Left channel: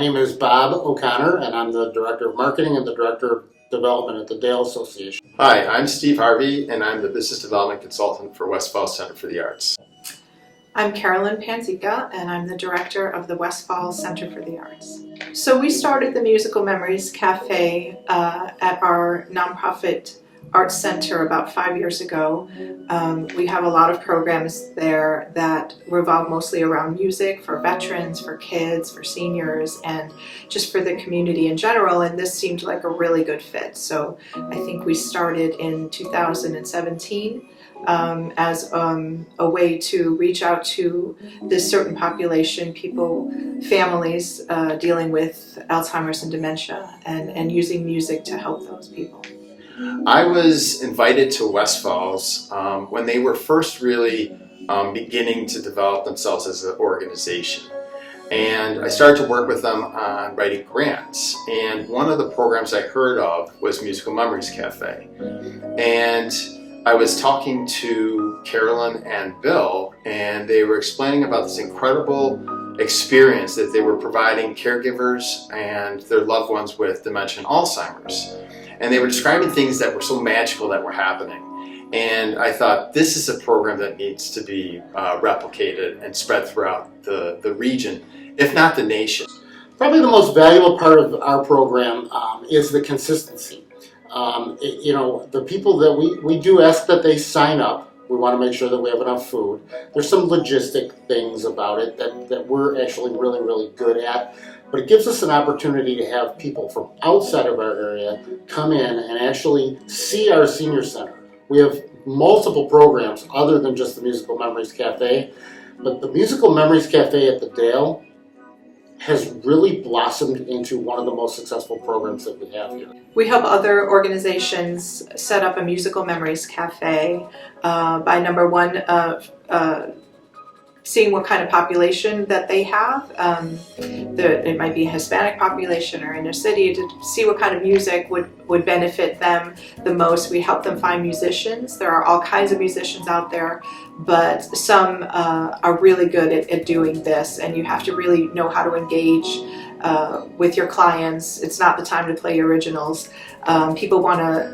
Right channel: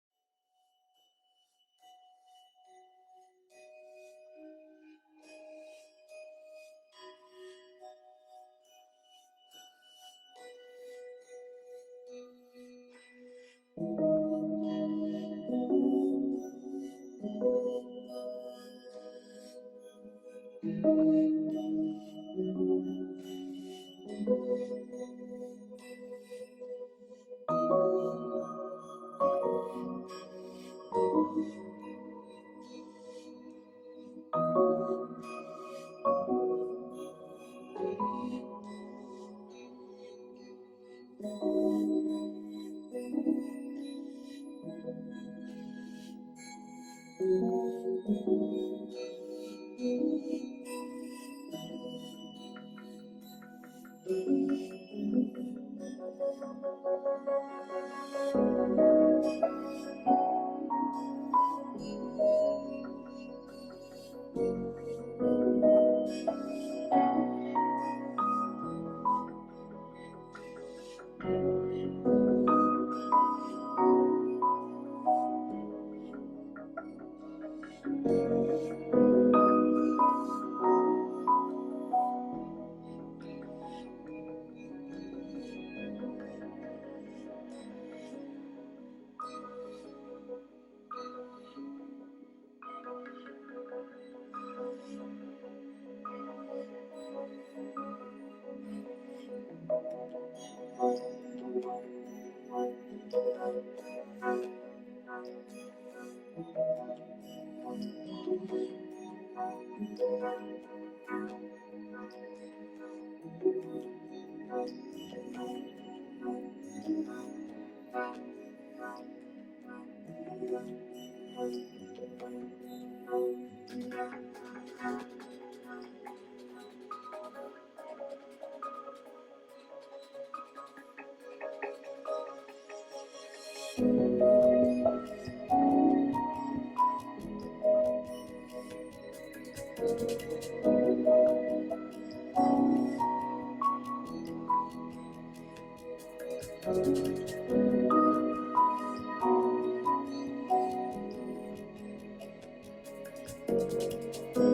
name is Bob O'Connor, and I'm the Director of Marketing and the Director of Development at the Dale Association. Hi, I'm Steve Harvey, and I'm the Business Development Consultant for Westfall Center for the Arts. I'm Carolyn Panzica, and I'm the Director of the Westfall Center for the Arts. So we started the Musical Memories Cafe at our nonprofit arts center about 5 years ago. We have a lot of programs there that revolve mostly around music for veterans, for kids, for seniors, and just for the community in general, and this seemed like a really good fit. So I think we started in 2017 as a way to reach out to this certain population, people, families dealing with Alzheimer's and dementia, and using music to help those people. I was invited to Westfall's when they were first really beginning to develop themselves as an organization. And I started to work with them on writing grants. And one of the programs I heard of was Musical Memories Cafe. And I was talking to Carolyn and Bill, and they were explaining about this incredible experience that they were providing caregivers and their loved ones with dementia and Alzheimer's. And they were describing things that were so magical that were happening. And I thought, this is a program that needs to be replicated and spread throughout the region, if not the nation. Probably the most valuable part of our program is the consistency. The people that we do ask that they sign up. We want to make sure that we have enough food. There's some logistic things about it that we're actually really, really good at. But it gives us an opportunity to have people from outside of our area come in and actually see our senior center. We have multiple programs other than just the Musical Memories Cafe. But the Musical Memories Cafe at the Dale has really blossomed into one of the most successful programs that we have here. We help other organizations set up a Musical Memories Cafe by number one, seeing what kind of population that they have. It might be a Hispanic population or inner city, to see what kind of music would benefit them the most. We help them find musicians. There are all kinds of musicians out there, but some are really good at doing this, and you have to really know how to engage with your clients. It's not the time to play originals. People want to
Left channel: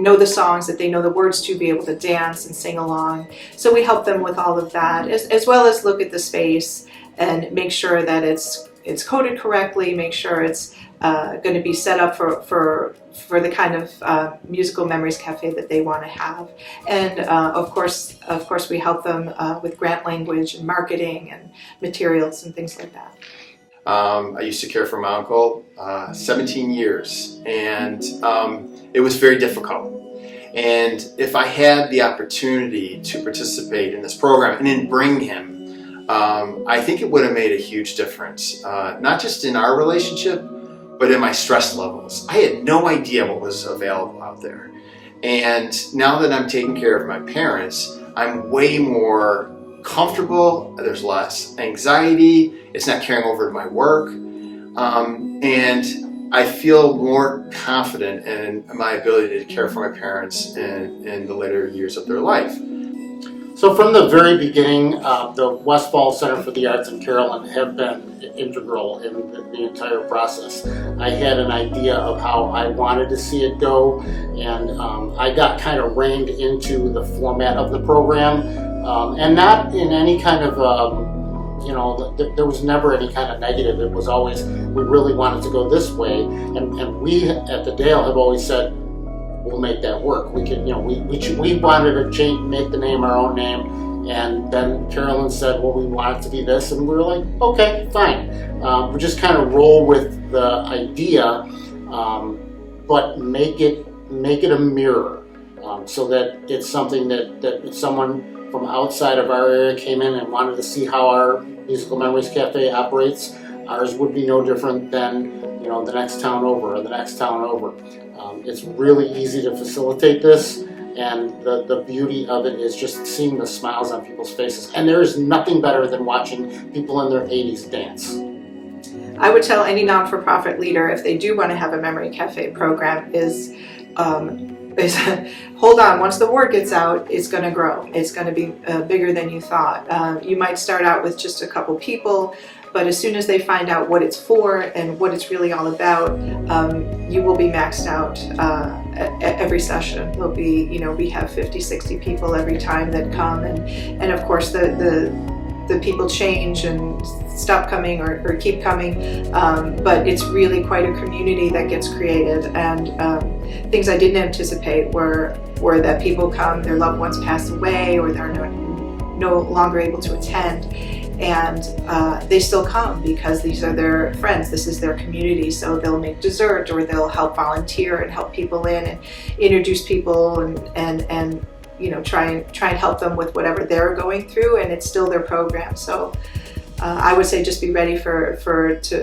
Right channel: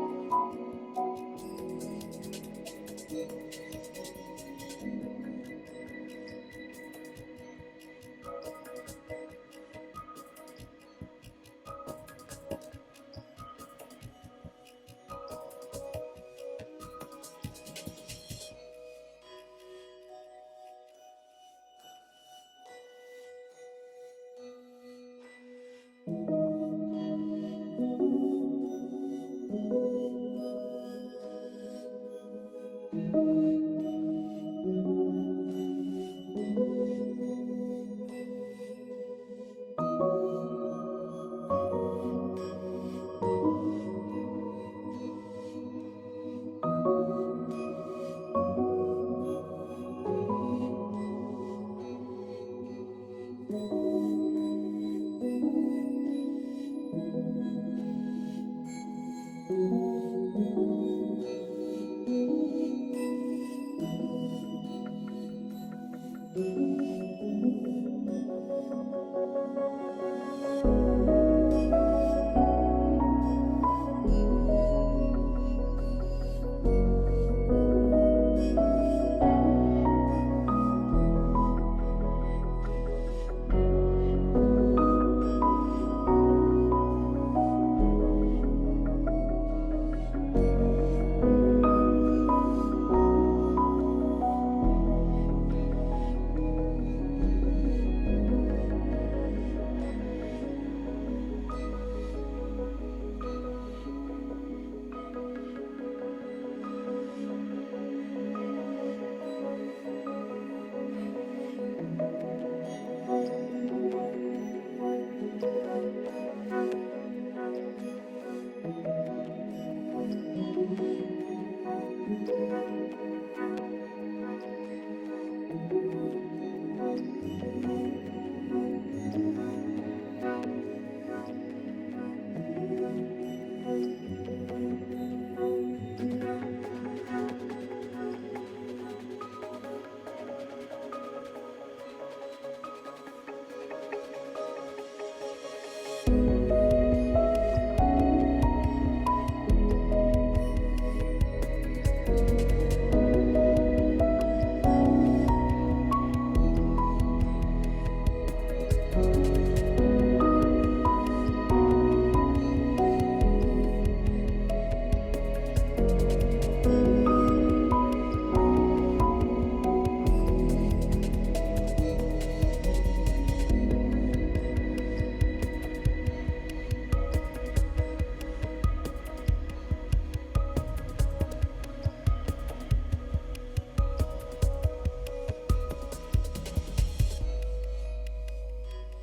know the songs that they know the words to, be able to dance and sing along. So we help them with all of that, as well as look at the space and make sure that it's coded correctly, make sure it's going to be set up for the kind of Musical Memories Cafe that they want to have. And of course we help them with grant language and marketing and materials and things like that. I used to care for my uncle 17 years, and it was very difficult. And if I had the opportunity to participate in this program and then bring him, I think it would have made a huge difference, not just in our relationship, but in my stress levels. I had no idea what was available out there. And now that I'm taking care of my parents, I'm way more comfortable, there's less anxiety, it's not carrying over to my work, and I feel more confident in my ability to care for my parents in the later years of their life. So from the very beginning, the Westfall Center for the Arts and Carolyn have been integral in the entire process. I had an idea of how I wanted to see it go, and I got kind of reined into the format of the program, and not in any kind of, there was never any kind of negative. It was always, we really wanted to go this way, and we at the Dale have always said, we'll make that work. We can, we wanted to make the name our own name, and then Carolyn said, well, we want it to be this, and we were like, okay, fine. We just kind of roll with the idea, but make it a mirror, so that it's something that if someone from outside of our area came in and wanted to see how our Musical Memories Cafe operates, ours would be no different than the next town over or the next town over. It's really easy to facilitate this, and the beauty of it is just seeing the smiles on people's faces. And there is nothing better than watching people in their 80s dance. I would tell any non-for-profit leader, if they do want to have a memory cafe program, is hold on. Once the word gets out, it's going to grow. It's going to be bigger than you thought. You might start out with just a couple people, but as soon as they find out what it's for and what it's really all about, you will be maxed out at every session. Will be, we have 50, 60 people every time that come, and of course the people change and stop coming or keep coming, but it's really quite a community that gets created. And things I didn't anticipate were that people come, their loved ones pass away, or they're no longer able to attend, and they still come because these are their friends, this is their community. So they'll make dessert, or they'll help volunteer and help people in and introduce people and try and help them with whatever they're going through, and it's still their program. So I would say just be ready for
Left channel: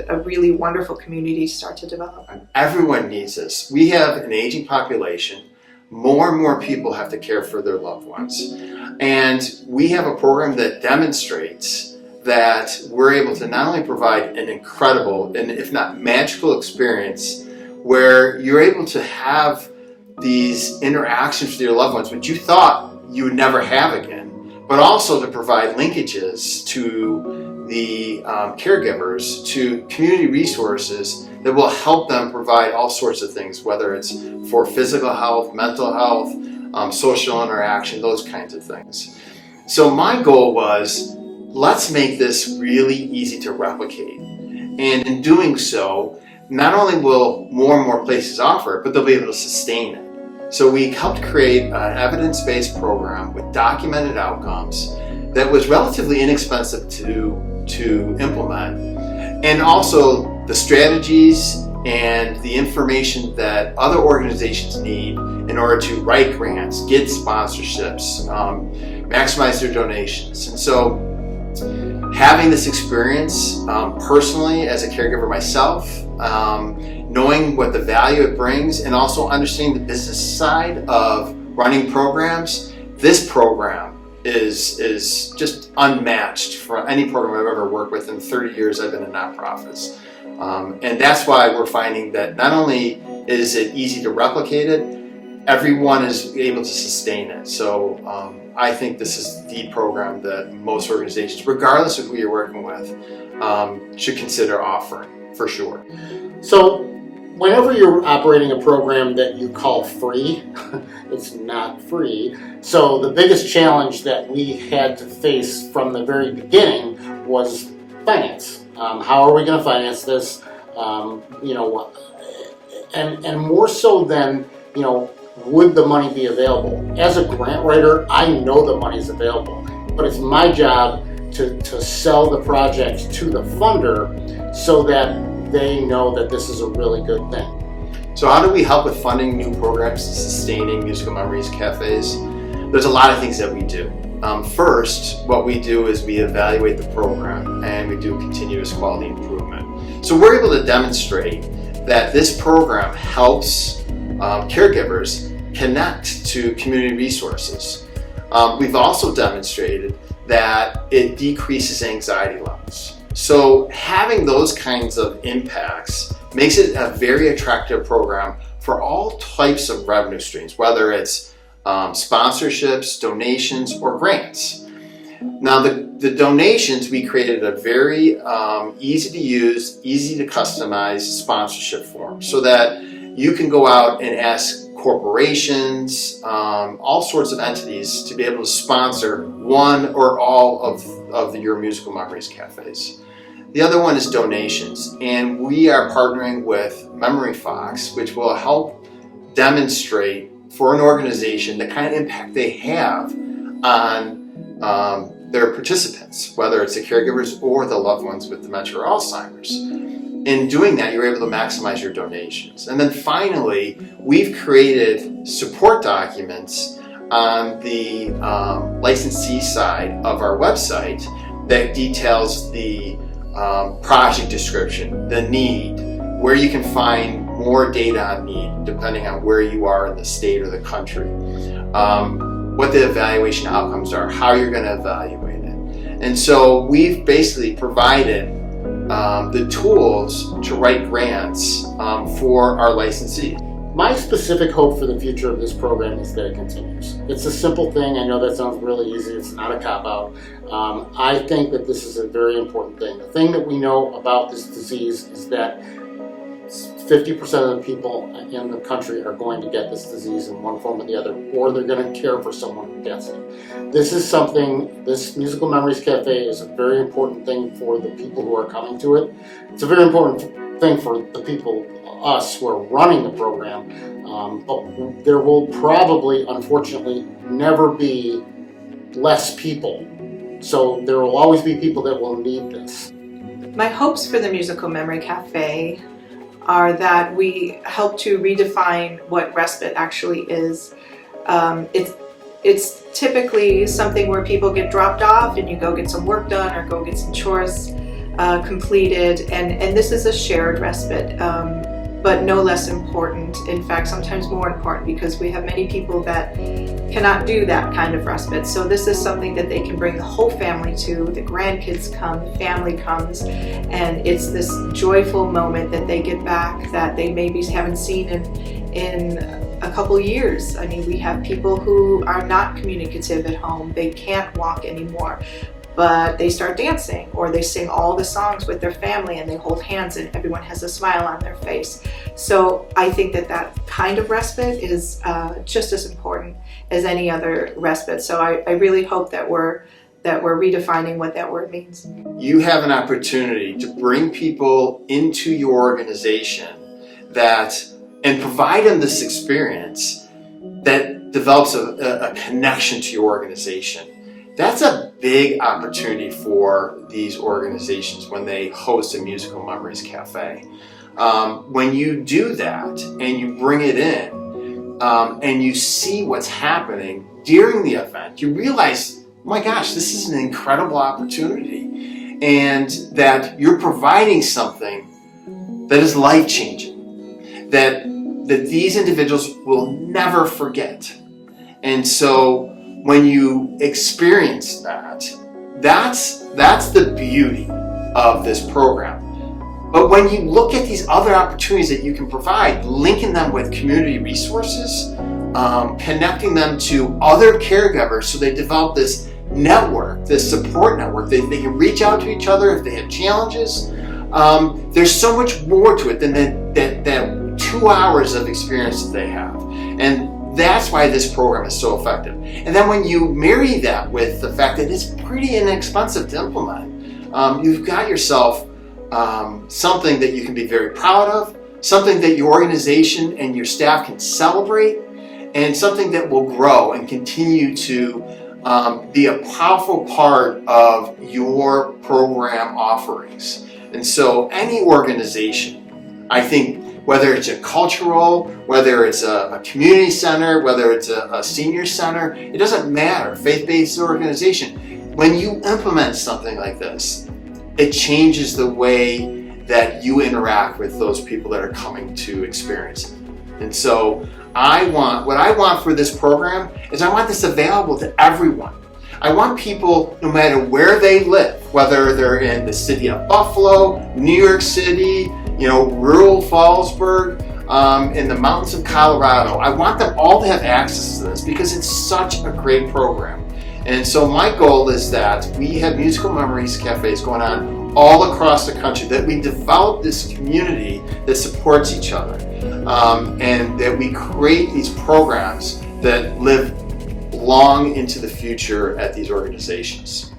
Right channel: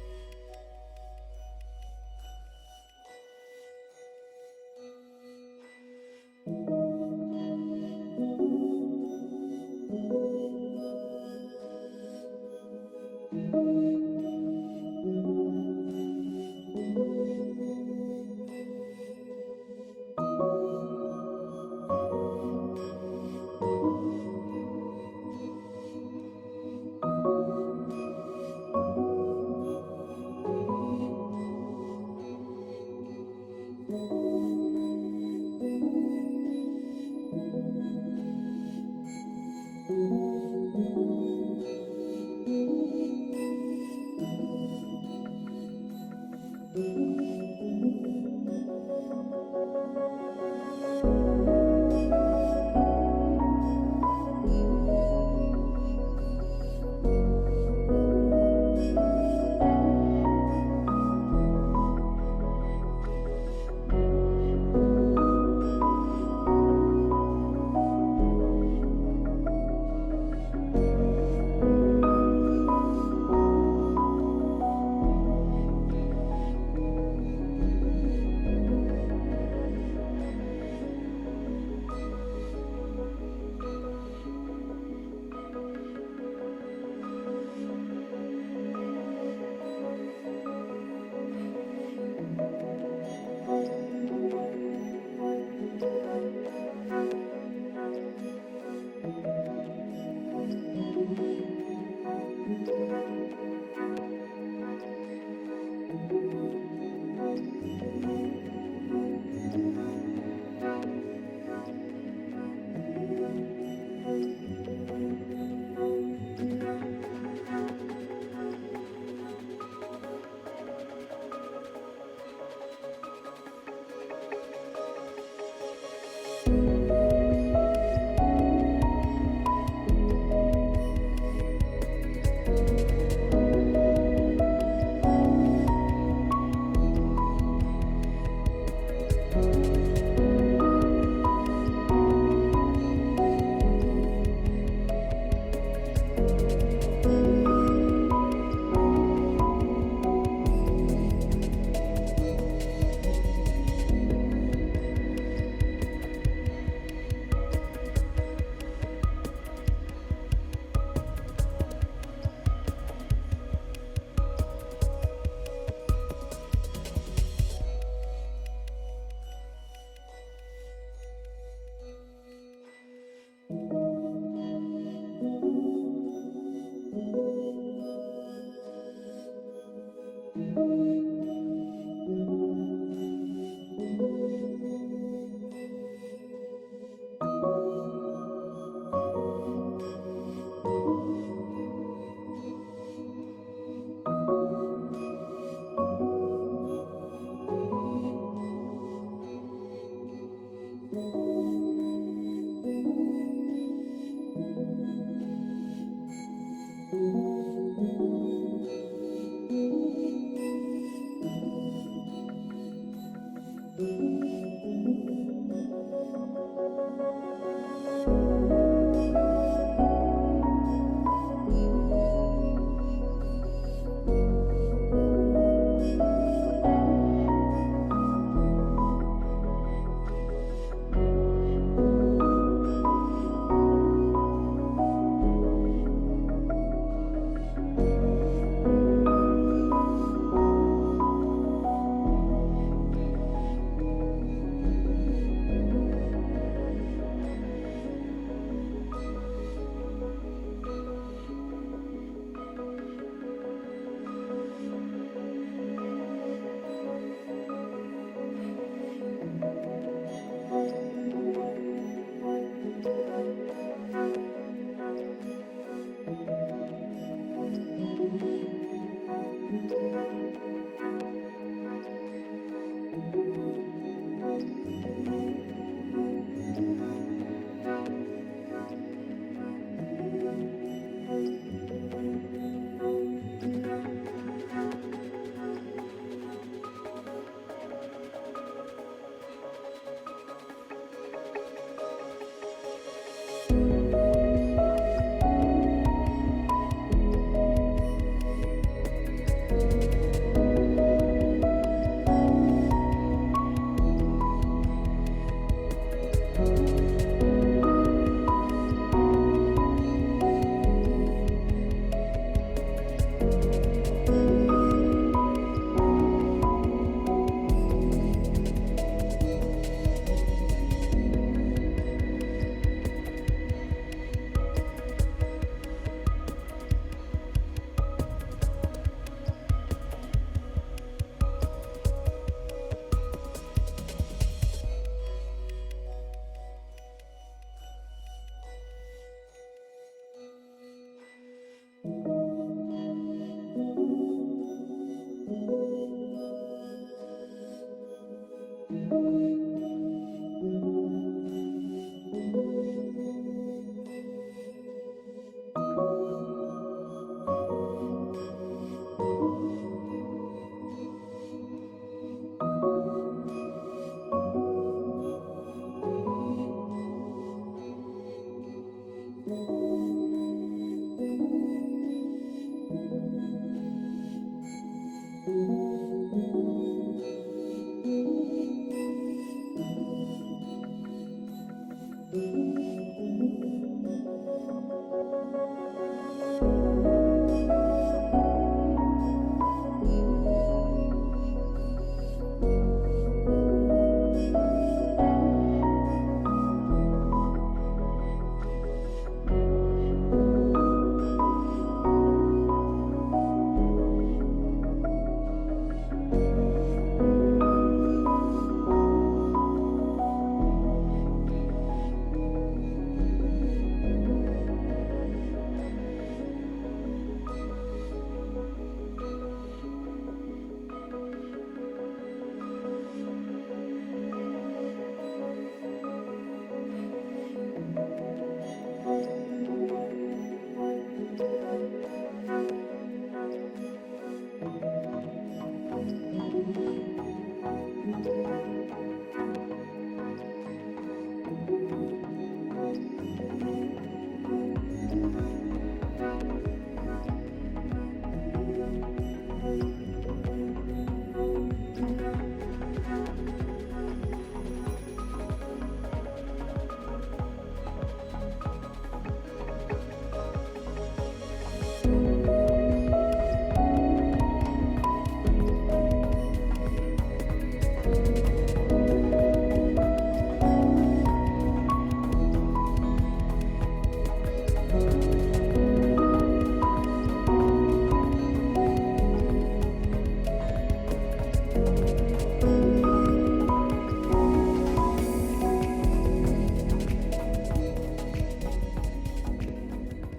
a really wonderful community to start to develop. Everyone needs this. We have an aging population. More and more people have to care for their loved ones. And we have a program that demonstrates that we're able to not only provide an incredible, and if not magical experience, where you're able to have these interactions with your loved ones, which you thought you would never have again, but also to provide linkages to the caregivers, to community resources that will help them provide all sorts of things, whether it's for physical health, mental health, social interaction, those kinds of things. So my goal was, let's make this really easy to replicate. And in doing so, not only will more and more places offer it, but they'll be able to sustain it. So we helped create an evidence-based program with documented outcomes that was relatively inexpensive to implement, and also the strategies and the information that other organizations need in order to write grants, get sponsorships, maximize their donations. And so having this experience personally as a caregiver myself, knowing what the value it brings, and also understanding the business side of running programs, this program is just unmatched for any program I've ever worked with in 30 years I've been in nonprofits. And that's why we're finding that not only is it easy to replicate it, everyone is able to sustain it. So I think this is the program that most organizations, regardless of who you're working with, should consider offering, for sure. So whenever you're operating a program that you call free, it's not free. So the biggest challenge that we had to face from the very beginning was finance. How are we going to finance this? And more so than, would the money be available? As a grant writer, I know the money's available, but it's my job to sell the project to the funder so that they know that this is a really good thing. So how do we help with funding new programs and sustaining musical memories cafes? There's a lot of things that we do. First, what we do is we evaluate the program and we do continuous quality improvement. So we're able to demonstrate that this program helps caregivers connect to community resources. We've also demonstrated that it decreases anxiety levels. So having those kinds of impacts makes it a very attractive program for all types of revenue streams, whether it's sponsorships, donations, or grants. Now the donations, we created a very easy to use, easy to customize sponsorship form so that you can go out and ask corporations, all sorts of entities to be able to sponsor one or all of your musical memories cafes. The other one is donations, and we are partnering with Memory Fox, which will help demonstrate for an organization the kind of impact they have on their participants, whether it's the caregivers or the loved ones with dementia or Alzheimer's. In doing that, you're able to maximize your donations. And then finally, we've created support documents on the licensee side of our website that details the project description, the need, where you can find more data on need depending on where you are in the state or the country, what the evaluation outcomes are, how you're going to evaluate it. And so we've basically provided the tools to write grants for our licensees. My specific hope for the future of this program is that it continues. It's a simple thing. I know that sounds really easy. It's not a cop-out. I think that this is a very important thing. The thing that we know about this disease is that 50% of the people in the country are going to get this disease in one form or the other, or they're going to care for someone who gets it. This is something, this Musical Memories Cafe is a very important thing for the people who are coming to it. It's a very important thing for the people, us, who are running the program. But there will probably, unfortunately, never be less people. So there will always be people that will need this. My hopes for the Musical Memory Cafe are that we help to redefine what respite actually is. It's typically something where people get dropped off and you go get some work done or go get some chores completed, and this is a shared respite, but no less important. In fact, sometimes more important, because we have many people that cannot do that kind of respite. So this is something that they can bring the whole family to. The grandkids come, the family comes, and it's this joyful moment that they get back that they maybe haven't seen in a couple years. I mean, we have people who are not communicative at home. They can't walk anymore, but they start dancing, or they sing all the songs with their family and they hold hands and everyone has a smile on their face. So I think that that kind of respite is just as important as any other respite. So I really hope that we're redefining what that word means. You have an opportunity to bring people into your organization and provide them this experience that develops a connection to your organization. That's a big opportunity for these organizations when they host a Musical Memories Cafe. When you do that and you bring it in and you see what's happening during the event, you realize, oh my gosh, this is an incredible opportunity, and that you're providing something that is life-changing, that these individuals will never forget. And so when you experience that, that's the beauty of this program. But when you look at these other opportunities that you can provide, linking them with community resources, connecting them to other caregivers so they develop this network, this support network, they can reach out to each other if they have challenges. There's so much more to it than that 2 hours of experience that they have. And that's why this program is so effective. And then when you marry that with the fact that it's pretty inexpensive to implement, you've got yourself something that you can be very proud of, something that your organization and your staff can celebrate, and something that will grow and continue to be a powerful part of your program offerings. And so any organization, I think, whether it's a cultural, whether it's a community center, whether it's a senior center, it doesn't matter, faith-based organization, when you implement something like this, it changes the way that you interact with those people that are coming to experience it. And so what I want for this program is I want this available to everyone. I want people, no matter where they live, whether they're in the city of Buffalo, New York City, rural Fallsburg, in the mountains of Colorado, I want them all to have access to this because it's such a great program. And so my goal is that we have Musical Memories Cafes going on all across the country, that we develop this community that supports each other, and that we create these programs that live long into the future at these organizations.